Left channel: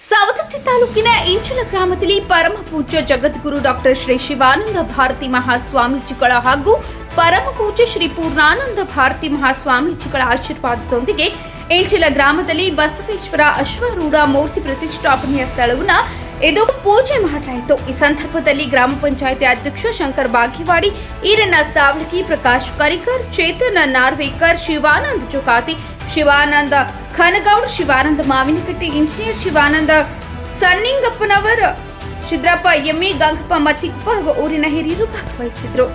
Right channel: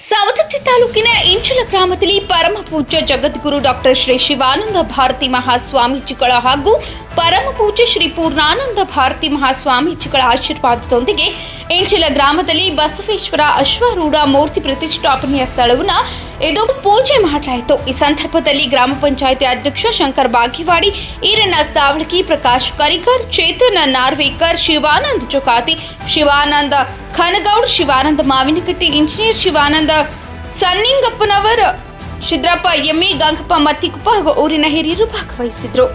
ಸವದತ್ತಿ ತಾಲೂಕಿನ ಇಂಚಲ ಗ್ರಾಮದಲ್ಲಿ ಪರಮ ಪೂಜ್ಯ ಜಗದ್ಗುರು ಡಾಕ್ಟರ್ ಶ್ರೀ ಶಿವಾನಂದ ಭಾರತಿ ಮಹಾಸ್ವಾಮೀಜಿಗಳ ಹಾಗೂ ಪರಮ ಪೂಜ್ಯ ಶ್ರೀ ಪೂರ್ಣಾನಂದ ಭಾರತಿ ಮಹಾಸ್ವಾಮೀಜಿಗಳ ಆಶೀರ್ವಾದದೊಂದಿಗೆ ಇಂಚಲ ಗ್ರಾಮದಲ್ಲಿ ಬಸವೇಶ್ವರ ಅಶ್ವಾರೂಢ ಮೂರ್ತಿ ಪ್ರತಿಷ್ಠಾಪನೆಯ ಸ್ಥಳವನ್ನು ಇದು ಪೂಜೆ ಮಾಡಲಾಯಿತು. ಈ ಸಂದರ್ಭದಲ್ಲಿ ಗ್ರಾಮ ಪಂಚಾಯಿತಿ ಅಧ್ಯಕ್ಷ ಶಂಕರ್ ಬಾಗೇವಾಡಿ, ಈರಣ್ಣ ಸಾವಳಗಿ, ಪ್ರಕಾಶ್ ಕರಿಕರ್, ಚೇತನ್ ನಾರ್ವೇಕರ್, ಶಿವಾನಂದ ಚೊಕಾತಿ, ಶಿವಾನಂದ ಖನಗೌಡ್, ಶಿವಾನಂದ ಮಾವಿನಕಟ್ಟಿ, ಇಂಜಿನಿಯರ್ ಶಿವಾನಂದ ಸನ್ನಿಂಗಪ್ಪನವರ್, ಶಿದ್ರಪ್ಪ ಎಮ್ಮಿ, ಗಂಗಪ್ಪ ಮತ್ತಿಕುಪ್ಪ ಹಾಗೂ ಊರಿನ ಹಿರಿಯರು ಭಾಗವಹಿಸಿದ್ರು.